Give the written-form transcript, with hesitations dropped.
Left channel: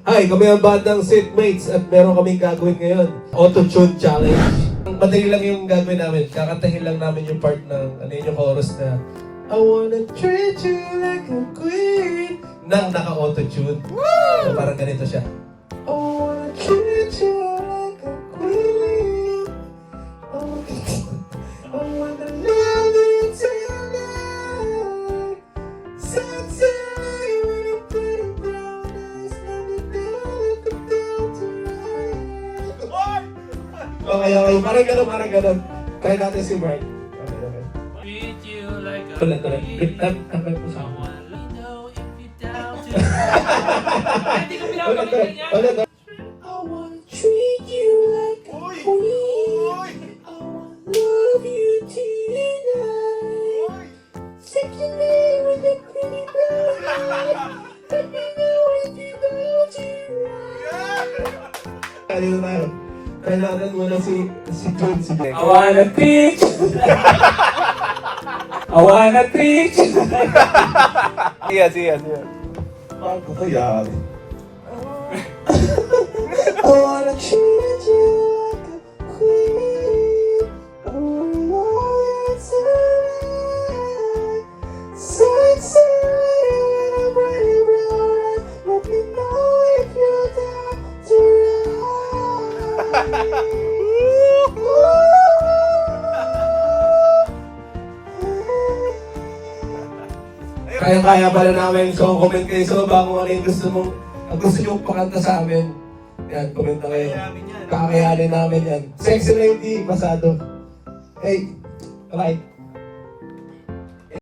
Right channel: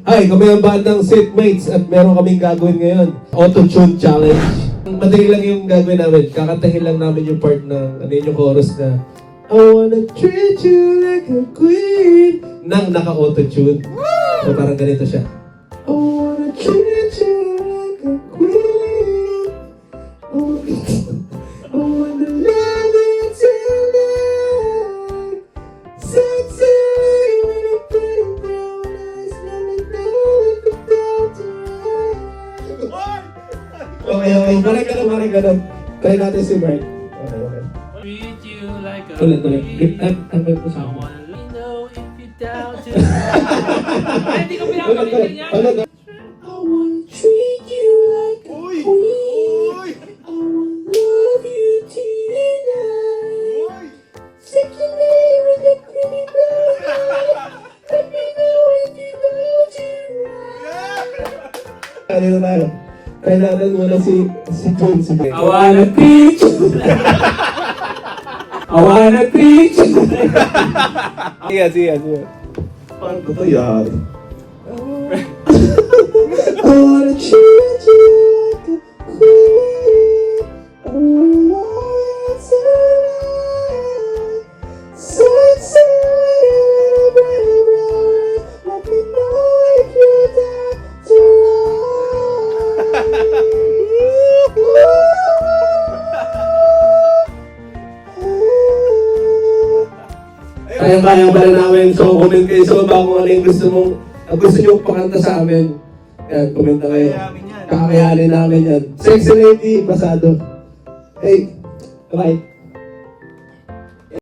Hi, kami ang bandang Seatmates at meron kaming gagawin ngayon. Auto-tune challenge. Madali lang yung gagawin namin. Kakantahin lang namin yung part ng, yung chorus na I wanna treat you like a queen nang naka-auto-tune. So parang ganito siya. I wanna treat you like a queen. I wanna love you tonight. Sexy with a pretty brown eyes. Let me know if it felt right. Okay. Parang ganun. Try natin si Mark. Okay. Ulit. Tampay po sa akin. Hindi ko pinapakinggan yan. I wanna treat you like a queen. I wanna love you tonight. Sexy with a pretty brown eyes. Let me know if you felt right. Ano na tayo? Kailangan muna si John. I wanna treat you. I wanna treat you. Sige. Paano ko ito yari? I wanna treat you like a queen. I wanna love you tonight. Sexy with a pretty brown eyes. Let me know if you're down to Kaya pala namin. So, comment kayo sa baba kung ano yung gusto nyo pakanta sa amin. Yan, komenta kayo. Kakayanin namin yan. Sexy lady, basado. Hey, bye.